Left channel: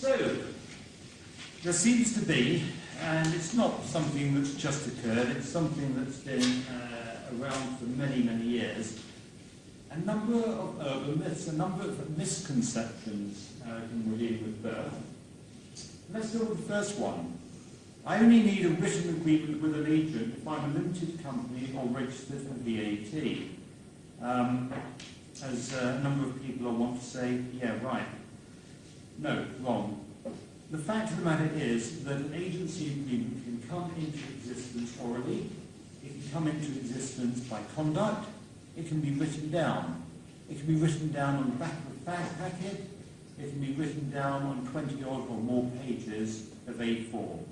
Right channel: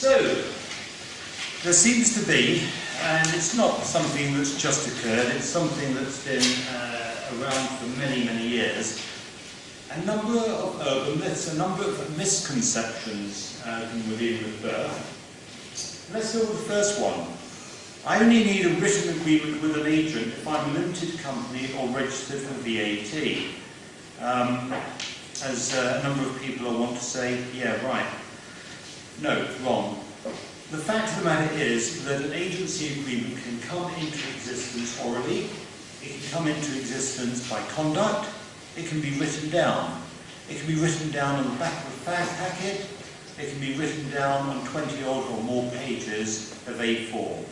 So, there seems to be, and it's not something that's just occurred, it's something that's been around for many, many years, a number of urban myths, a number of misconceptions within with birth. Let's go with the first one. I only need a written agreement with an agent if I'm a limited company or registered for VAT. As a number of people will want to say, yeah, right. No, wrong. The fact of the matter is that an agency agreement can come into existence orally, it can come into existence by conduct, it can be written down. It can be written down on the back of a fag packet, it can be written down on 20 odd or more pages of A4.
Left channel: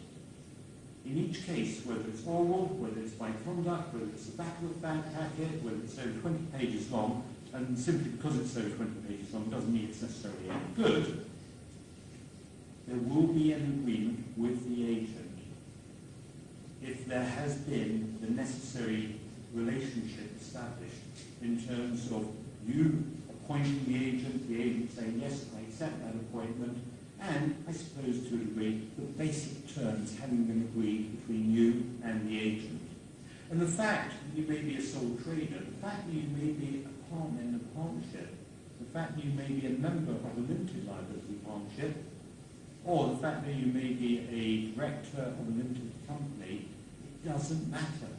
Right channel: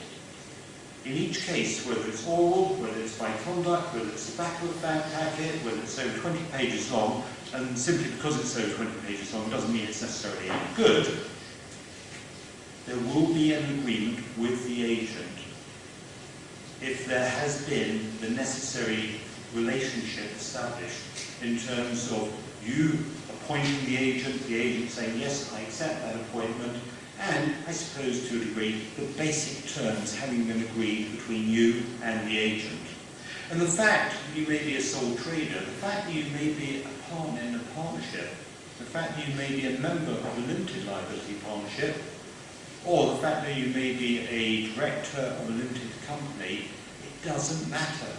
In each case, whether it's oral, whether it's by conduct, whether it's the back of a fag packet, whether it's over 20 pages long, and simply because it's over 20 pages long doesn't mean it's necessarily any good, there will be an agreement with the agent if there has been the necessary relationship established in terms of you appointing the agent saying, yes, I accept that appointment, and I suppose to a degree, the basic terms having been agreed between you and the agent. And the fact that you may be a sole trader, the fact that you may be a partner in a partnership, the fact that you may be a member of a limited liability partnership, or the fact that you may be a director of a limited company, it doesn't matter.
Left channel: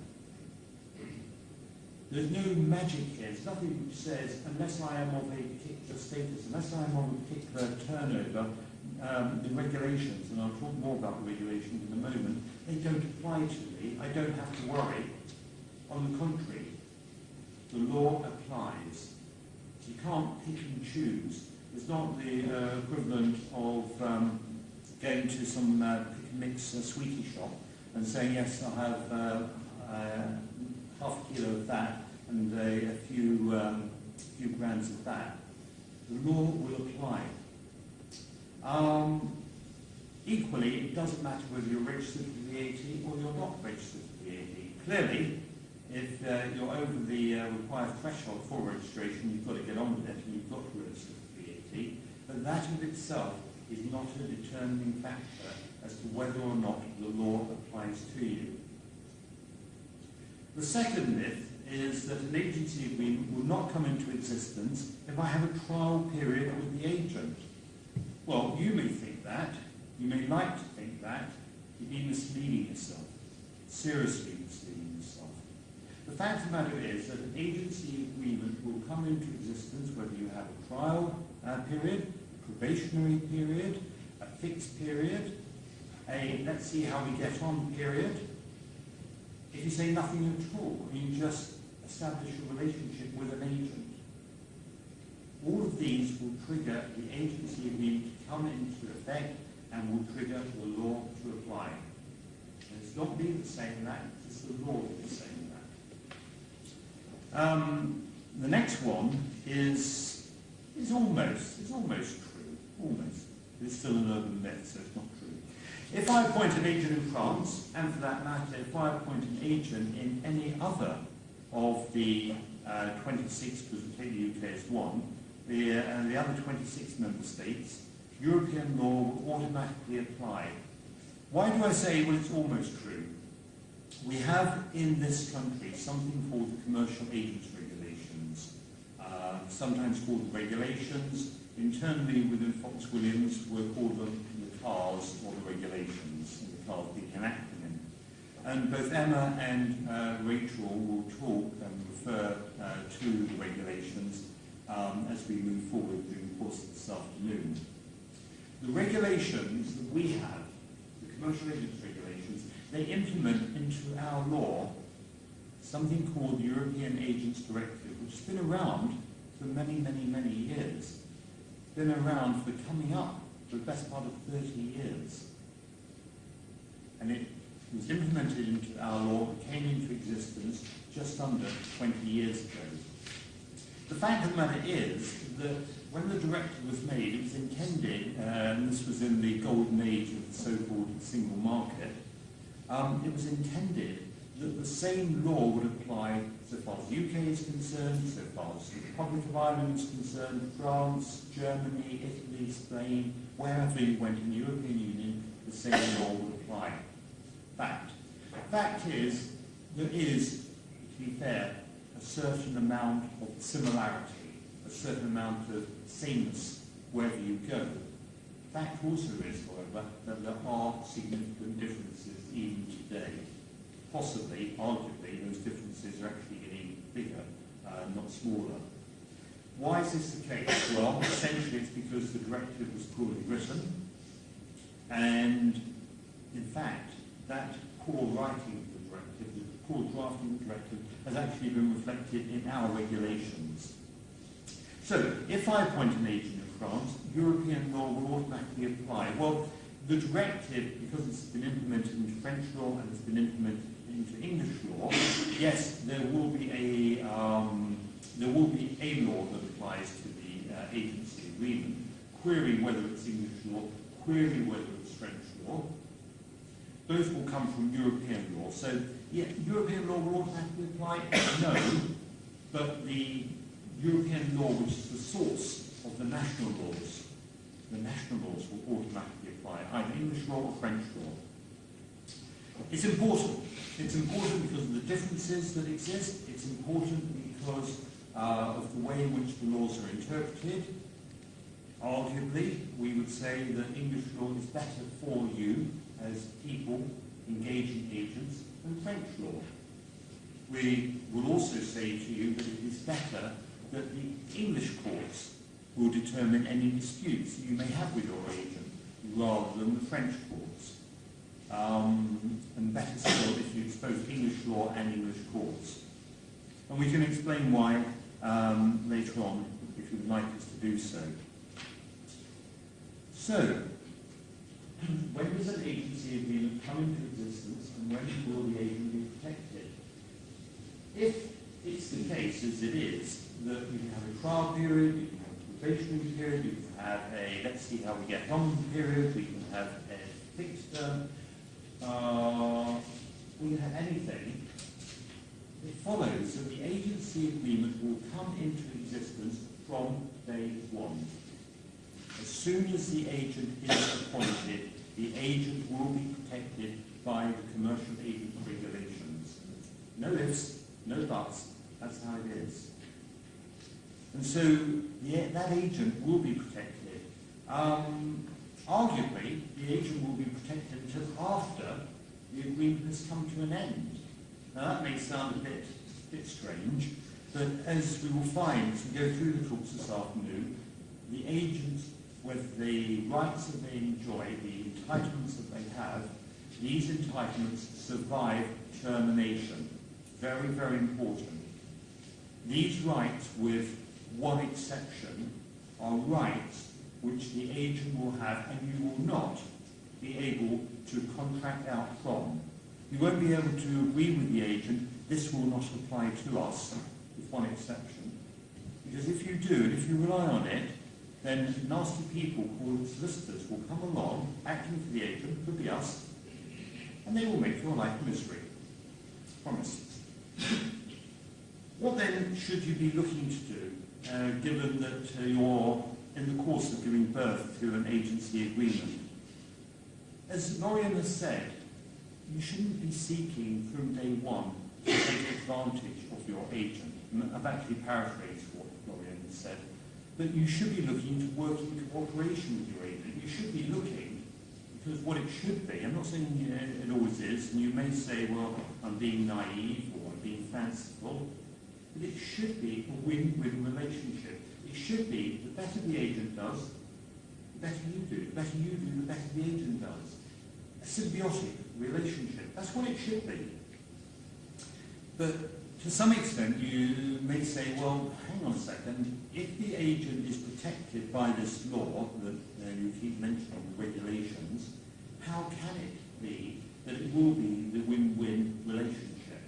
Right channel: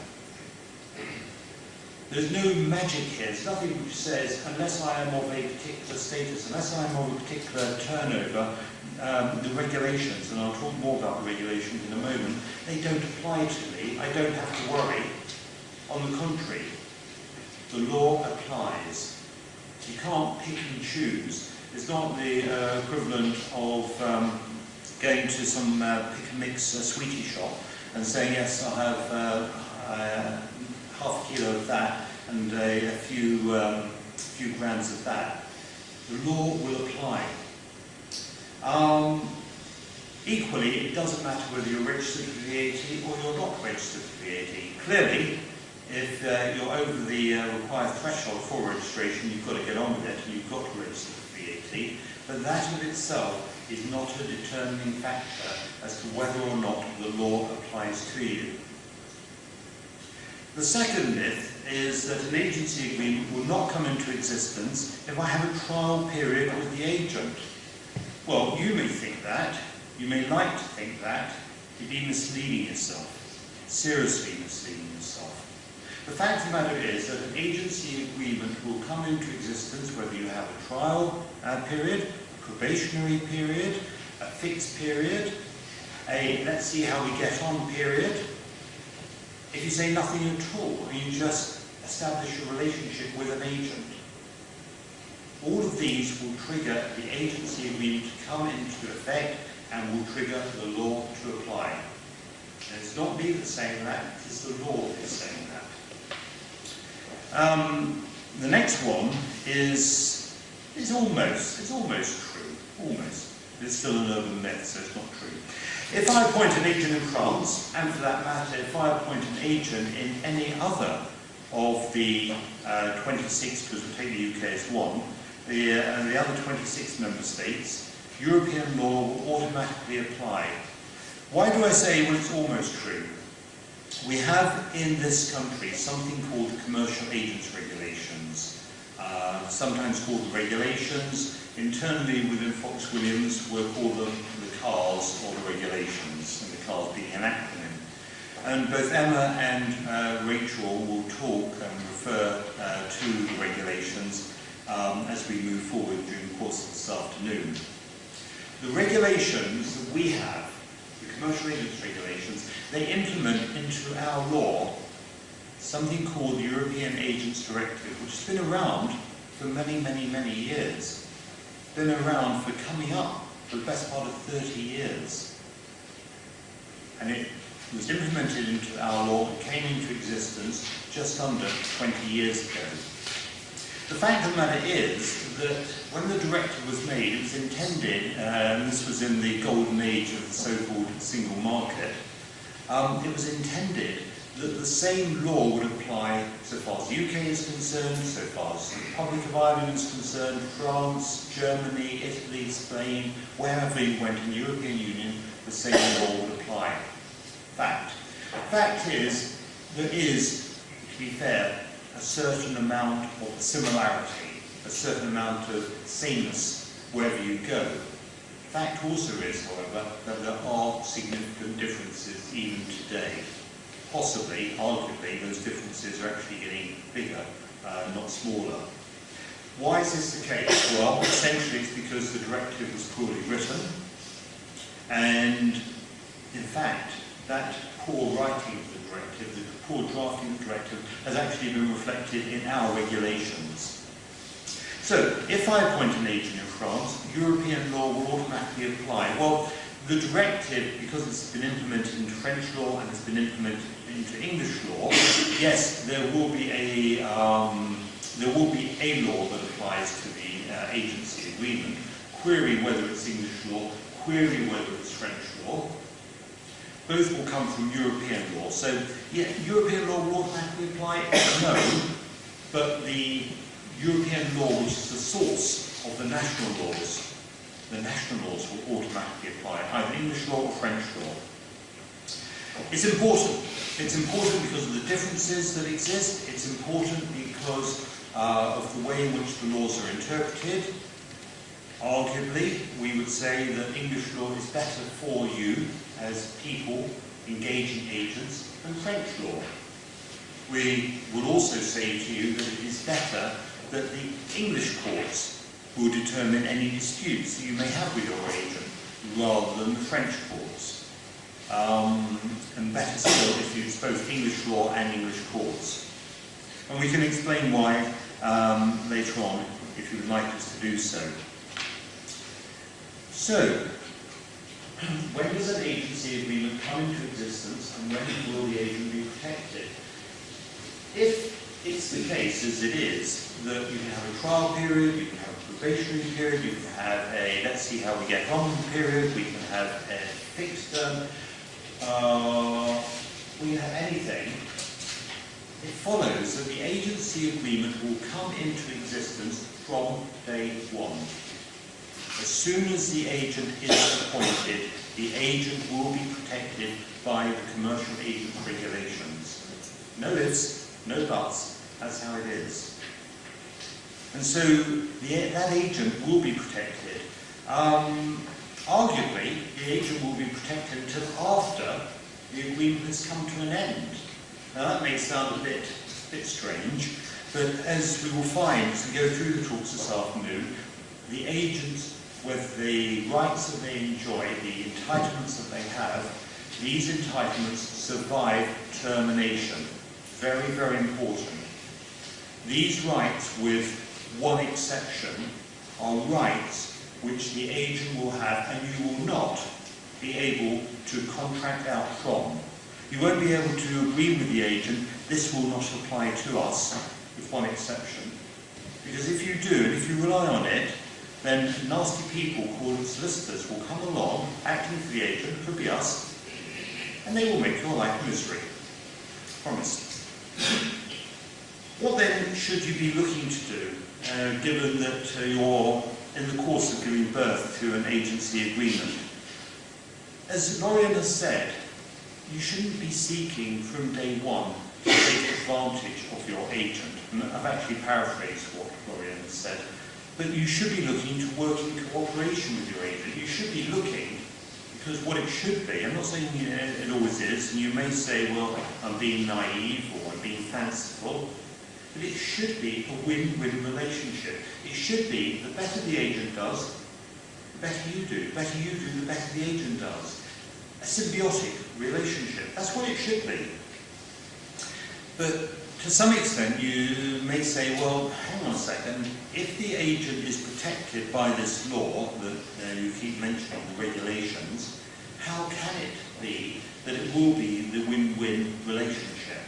There's no magic here. There's nothing which says, unless I am of a particular status, unless I am of a particular turnover, the regulations, and I'll talk more about the regulations in a moment, they don't apply to me. I don't have to worry. On the contrary, the law applies. You can't pick and choose. It's not the equivalent of going to some pick-and-mix sweetie shop and saying, yes, I'll have half a kilo of that and a few grams of that. The law will apply. Equally, it doesn't matter whether you're registered for VAT or you're not registered for VAT. Clearly, if you're over the required threshold for registration, you've got to get on with it and you've got to register for VAT. But that of itself is not a determining factor as to whether or not the law applies to you. The second myth is that an agency agreement will not come into existence if I have a trial period with the agent. Well, you may think that, you may like to think that, you'd be misleading yourself, seriously misleading yourself. The fact of the matter is that an agency agreement will come into existence whether you have a trial period, a probationary period, a fixed period, a let's see how we get on period. If you say nothing at all, and you just establish a relationship with an agent, all of these will trigger the agency agreement to come into effect and will trigger the law to apply. And it's not me that's saying that, it's the law that's saying that. The next one is almost true, almost. It's still an urban myth, so it's not true. If I appoint an agent in France, and for that matter, if I appoint an agent in any other of the 26, because we take the UK as one, and the other 26 member states, European law will automatically apply. Why do I say, well, it's almost true? We have in this country something called the Commercial Agents Regulations, sometimes called the regulations. Internally within Fox Williams, we'll call them the CARS or the regulations, and the CARS being an acronym. And both Emma and Rachel will talk and refer to the regulations as we move forward during the course of this afternoon. The regulations that we have, the commercial agents regulations, they implement into our law something called the European Agents Directive, which has been around for many, many, many years. Been around for coming up for the best part of 30 years. And it was implemented into our law and came into existence just under 20 years ago. The fact of the matter is that when the directive was made, it was intended, and this was in the golden age of the so-called single market, it was intended that the same law would apply so far as the UK is concerned, so far as the Republic of Ireland is concerned, France, Germany, Italy, Spain, wherever you went in the European Union, the same law would apply. Fact. Fact is, there is, to be fair, a certain amount of similarity, a certain amount of sameness wherever you go. Fact also is, however, that there are significant differences even today. Possibly, arguably, those differences are actually getting bigger, not smaller. Why is this the case? Well, essentially it's because the directive was poorly written, and in fact, that poor writing of the directive, the poor drafting of the directive, has actually been reflected in our regulations. So, if I appoint an agent in France, European law will automatically apply. Well, the directive, because it's been implemented into French law and it's been implemented into English law, yes, there will be a law that applies to the agency agreement. Query whether it's English law, query whether it's French law. Both will come from European law. So, yeah, European law will automatically apply? No. But the European law, which is the source of the national laws will automatically apply, either English law or French law. It's important. It's important because of the differences that exist. It's important because of the way in which the laws are interpreted. Arguably, we would say that English law is better for you as people engaging agents than French law. We will also say to you that it is better that the English courts will determine any disputes that you may have with your agent rather than the French courts. And better still if you use both English law and English courts. And we can explain why later on if you would like us to do so. So, when does an agency agreement come into existence and when will the agent be protected? If it's the case, as it is, that you can have a trial period, you can have a probationary period, you can have a let's see how we get on period, we can have a fixed term, we can have anything, it follows that the agency agreement will come into existence from day one. As soon as the agent is appointed, the agent will be protected by the commercial agent regulations. No ifs, no buts, that's how it is. And so that agent will be protected. Arguably, the agent will be protected until after the agreement has come to an end. Now that may sound a bit strange, but as we will find as we go through the talks this afternoon, the agents, with the rights that they enjoy, the entitlements that they have, these entitlements survive termination. Very, very important. These rights, with one exception, are rights which the agent will have and you will not be able to contract out from. You won't be able to agree with the agent, this will not apply to us, with one exception. Because if you do, if you rely on it, then nasty people called solicitors will come along, acting for the agent, could be us, and they will make your life misery. Promise. What then should you be looking to do, given that you're in the course of giving birth to an agency agreement? As Lorian has said, you shouldn't be seeking from day one to take advantage of your agent. And I've actually paraphrased what Lorian has said. But you should be looking to work in cooperation with your agent. You should be looking, because what it should be, I'm not saying it always is, and you may say, well, I'm being naive or I'm being fanciful, but it should be a win-win relationship. It should be the better the agent does, the better you do. The better you do, the better the agent does. A symbiotic relationship. That's what it should be. But to some extent, you may say, well, hang on a second, if the agent is protected by this law that you keep mentioning, the regulations, how can it be that it will be the win-win relationship?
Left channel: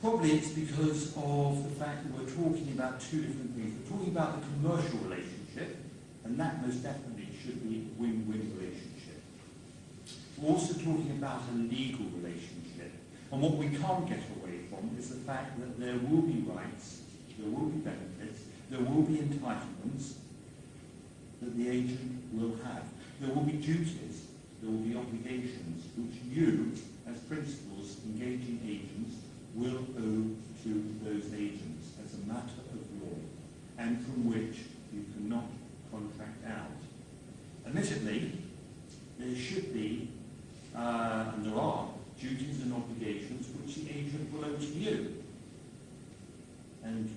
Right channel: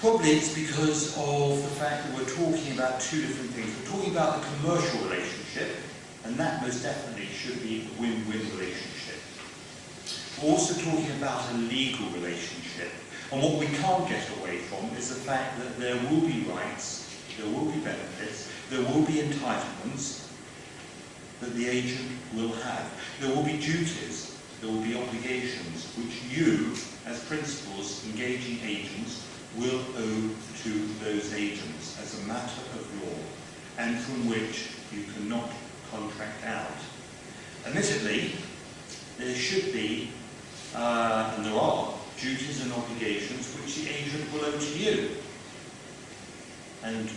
Probably it's because of the fact that we're talking about two different things. We're talking about the commercial relationship, and that most definitely should be the win-win relationship. We're also talking about a legal relationship. And what we can't get away from is the fact that there will be rights, there will be benefits, there will be entitlements that the agent will have. There will be duties, there will be obligations which you, as principals, engaging agents, will owe to those agents as a matter of law, and from which you cannot contract out. Admittedly, there should be, and there are, duties and obligations which the agent will owe to you. And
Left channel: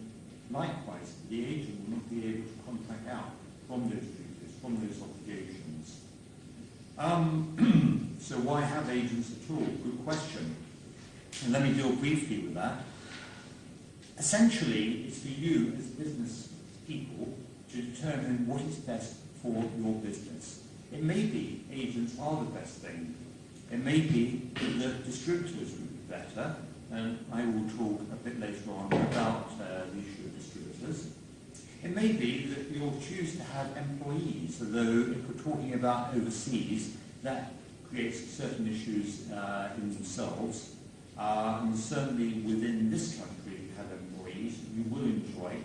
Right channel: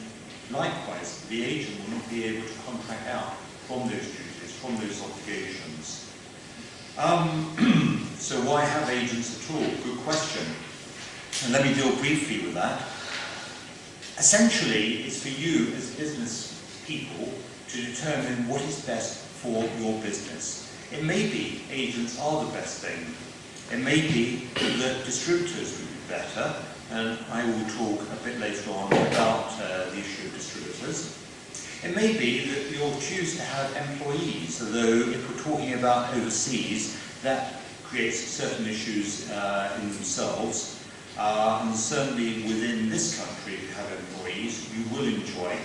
likewise, the agent will not be able to contract out from those duties, from those obligations. So why have agents at all? Good question. And let me deal briefly with that. Essentially, it's for you as business people to determine what is best for your business. It may be agents are the best thing. It may be that distributors would be better, and I will talk a bit later on about the issue of distributors. It may be that you'll choose to have employees, although if we're talking about overseas, that creates certain issues in themselves. And certainly within this country, if you have employees, you will enjoy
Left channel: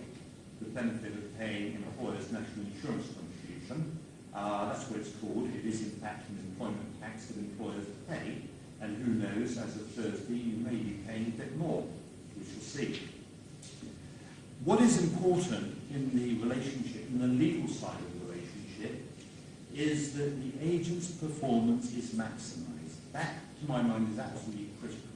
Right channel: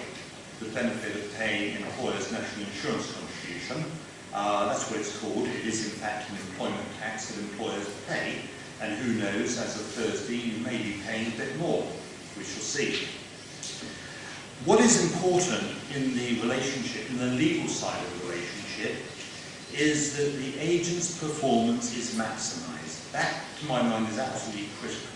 the benefit of paying employers' national insurance contribution. That's what it's called. It is in fact an employment tax that employers pay, and who knows, as of Thursday, you may be paying a bit more. We shall see. What is important in the relationship, in the legal side of the relationship, is that the agent's performance is maximised. That, to my mind, is absolutely critical.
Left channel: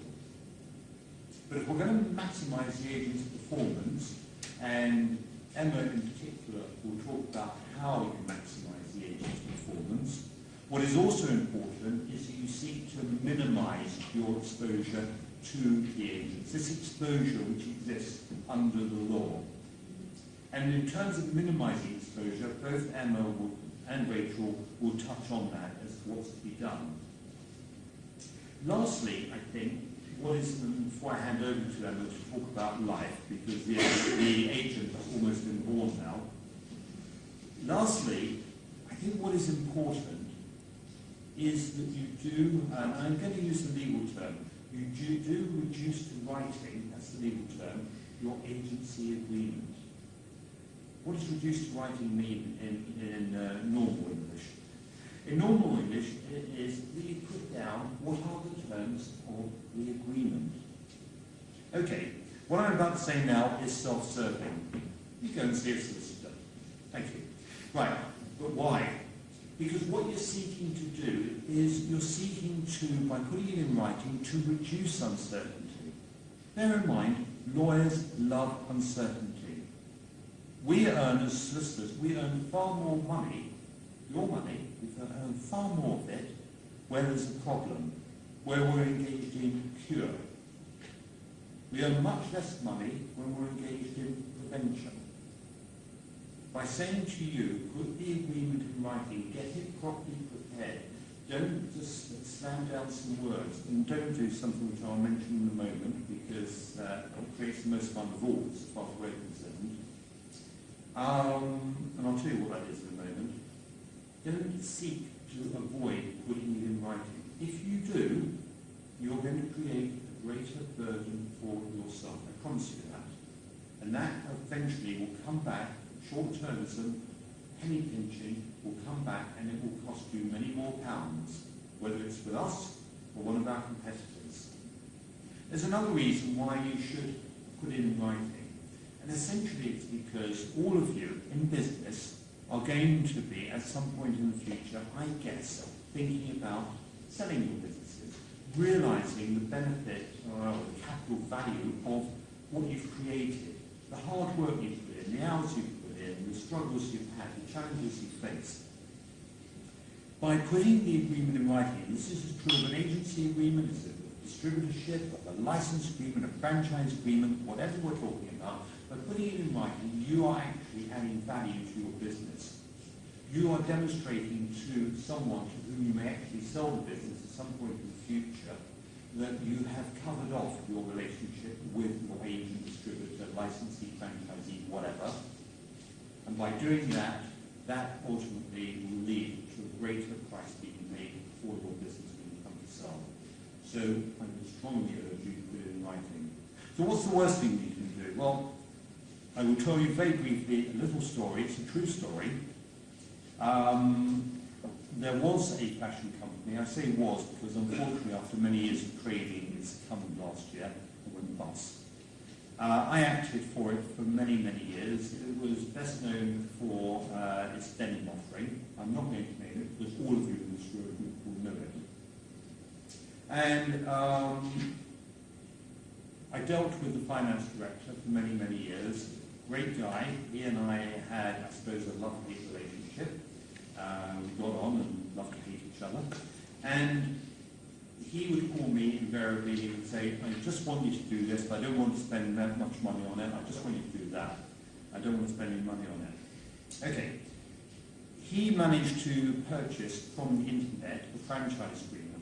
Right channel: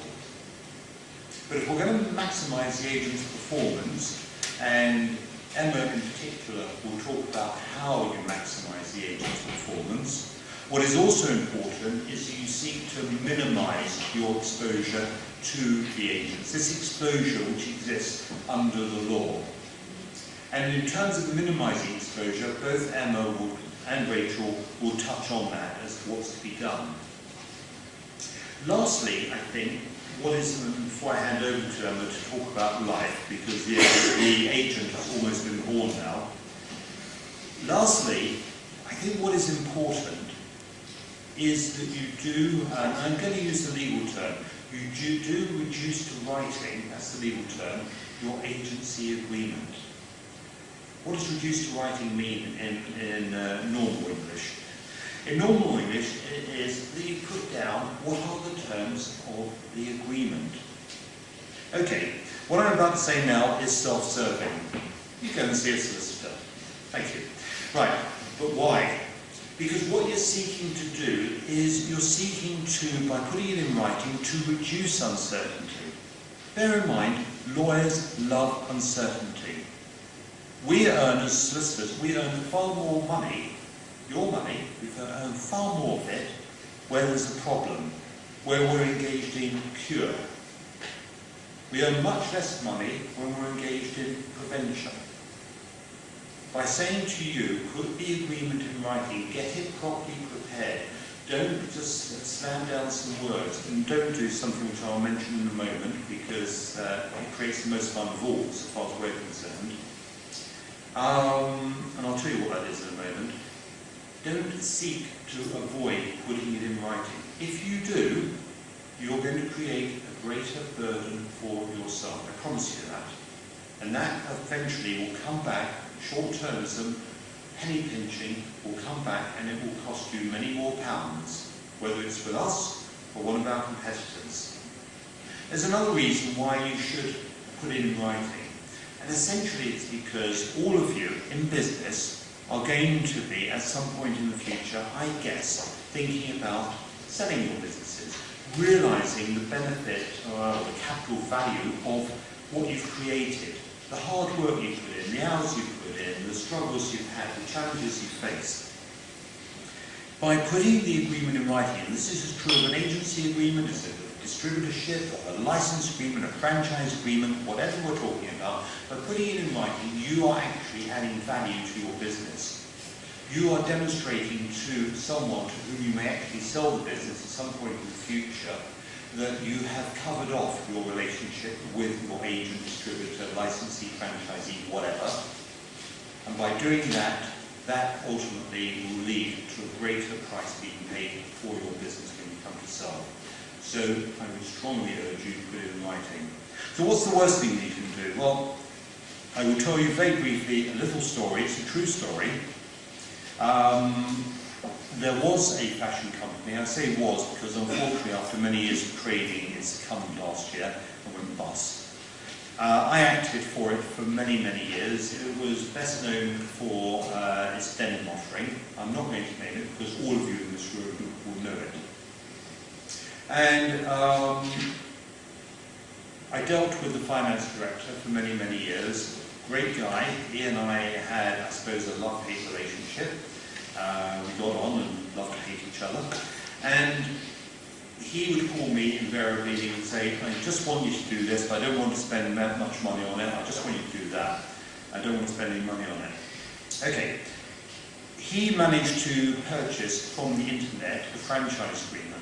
But if we're going to maximise the agent's performance, and Emma in particular will talk about how you maximise the agent's performance, what is also important is that you seek to minimise your exposure to the agents, this exposure which exists under the law. And in terms of minimising exposure, both Emma and Rachel will touch on that as to what's to be done. Lastly, I think, what is, before I hand over to Emma to talk about life, because the agent has almost been born now. Lastly, I think what is important is that you do, and I'm going to use the legal term, you do reduce to writing, that's the legal term, your agency agreement. What does reduce to writing mean in normal English? In normal English, it is that you put down what are the terms of the agreement. Okay, what I'm about to say now is self-serving. You go and see a solicitor. Thank you. Right, but why? Because what you're seeking to do is you're seeking to, by putting it in writing, to reduce uncertainty. Bear in mind, lawyers love uncertainty. We earn, as solicitors, we earn far more money, your money, we earn far more of it where there's a problem, where we're engaged in cure. We earn much less money when we're engaged in prevention. By saying to you, put the agreement in writing, get it properly prepared. Don't just slam down some words, and don't do something which I'll mention in a moment, because it creates the most fun of all, as far as we're concerned. And I'll tell you what that is in a moment. Don't seek to avoid putting it in writing. If you do, you're going to create a greater burden for yourself. I promise you that. And that eventually will come back. Short-termism, penny pinching will come back, and it will cost you many more pounds, whether it's with us or one of our competitors. There's another reason why you should put it in writing, and essentially it's because all of you in business are going to be, at some point in the future, I guess, thinking about selling your businesses, realising the benefit or the capital value of what you've created, the hard work you put in, the hours you put in, the struggles you've had, the challenges you've faced. By putting the agreement in writing, and this is as true of an agency agreement, as a distributorship, or a license agreement, a franchise agreement, whatever we're talking about, by putting it in writing, you are actually adding value to your business. You are demonstrating to someone to whom you may actually sell the business at some point in the future that you have covered off your relationship with your agent, distributor, licensee, franchisee, whatever. And by doing that, that ultimately will lead to a greater price being paid for your business when you come to sell. So I would strongly urge you to put it in writing. So what's the worst thing you can do? Well, I will tell you very briefly a little story. It's a true story. There was a fashion company. I say was because unfortunately after many years of trading it succumbed last year and went bust. I acted for it for many, many years. It was best known for its denim offering. I'm not going to name it because all of you in this room will know it. And I dealt with the finance director for many, many years. Great guy. He and I had, I suppose, a love-hate relationship. We got on and loved to hate each other. And he would call me invariably and say, I just want you to do this, but I don't want to spend that much money on it. I just want you to do that. I don't want to spend any money on it. Okay. He managed to purchase from the internet a franchise agreement.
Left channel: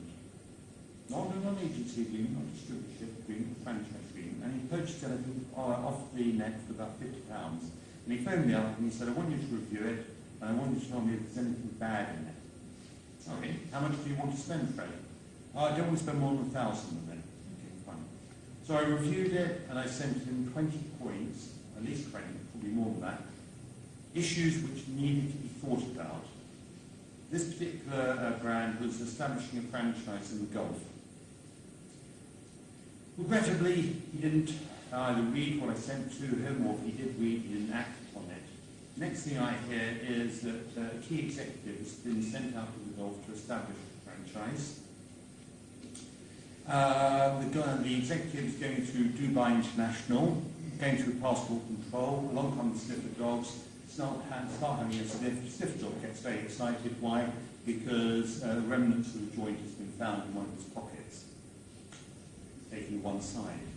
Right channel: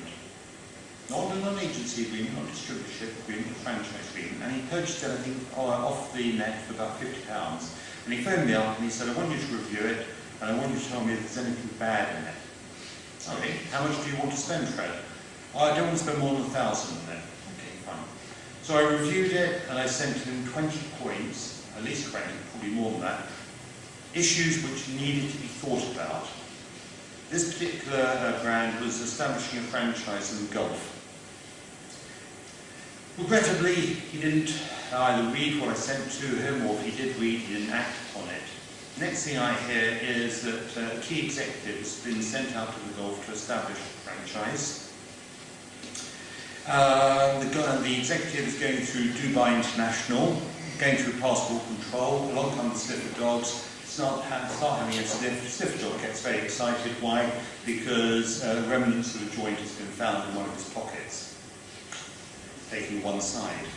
Not a non-agency agreement, not a distributorship agreement, a franchise agreement. And he purchased it, I think, off the net for about £50. And he phoned me up and he said, I want you to review it, and I want you to tell me if there's anything bad in it. Okay, how much do you want to spend, Fred? Oh, I don't want to spend more than 1,000 on it. Okay, fine. So I reviewed it and I sent him 20 points, at least 20, probably more than that, issues which needed to be thought about. This particular brand was establishing a franchise in golf. Regrettably, he didn't either read what I sent to him, or if he did read, he didn't act upon it. Next thing I hear is that a key executive has been sent out to the Gulf to establish a franchise. The executive is going through Dubai International, going through passport control, along come the sniffer dogs, start having a sniff dog gets very excited. Why? Because remnants of a joint has been found in one of his pockets, taking one side.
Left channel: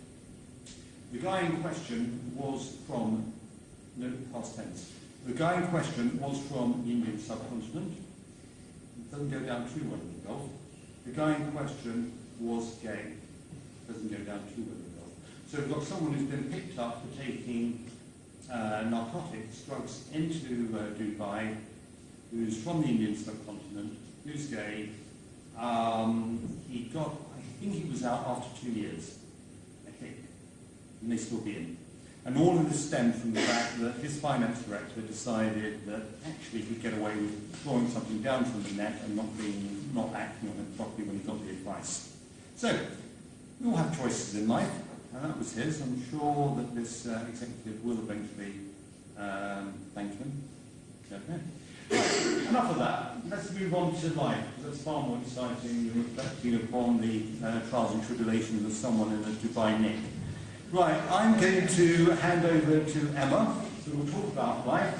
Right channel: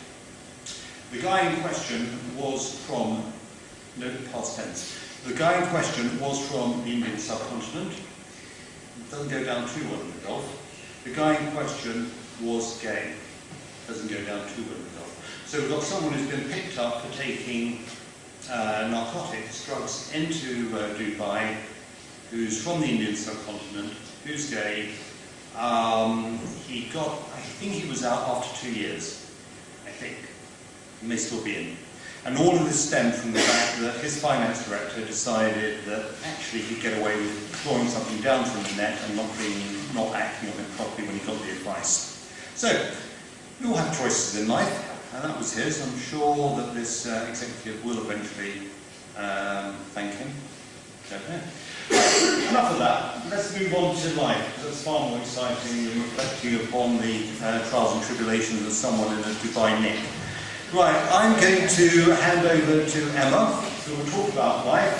The guy in question was from, no, past tense, the guy in question was from the Indian subcontinent. It doesn't go down too well in the Gulf. The guy in question was gay. Doesn't go down too well in the Gulf. So we've got someone who's been picked up for taking narcotics, drugs into Dubai, who's from the Indian subcontinent, who's gay. He got, I think he was out after 2 years, I think. He may still be in. And all of this stemmed from the fact that his finance director decided that actually he'd get away with throwing something down from the net and not acting on it properly when he got the advice. So, we all have choices in life, and that was his. I'm sure that this executive will eventually thank him. Don't know. Enough of that. Let's move on to life, because it's far more exciting than reflecting upon the trials and tribulations of someone in a Dubai nick. Right, I'm going to hand over to Emma, who will talk about life.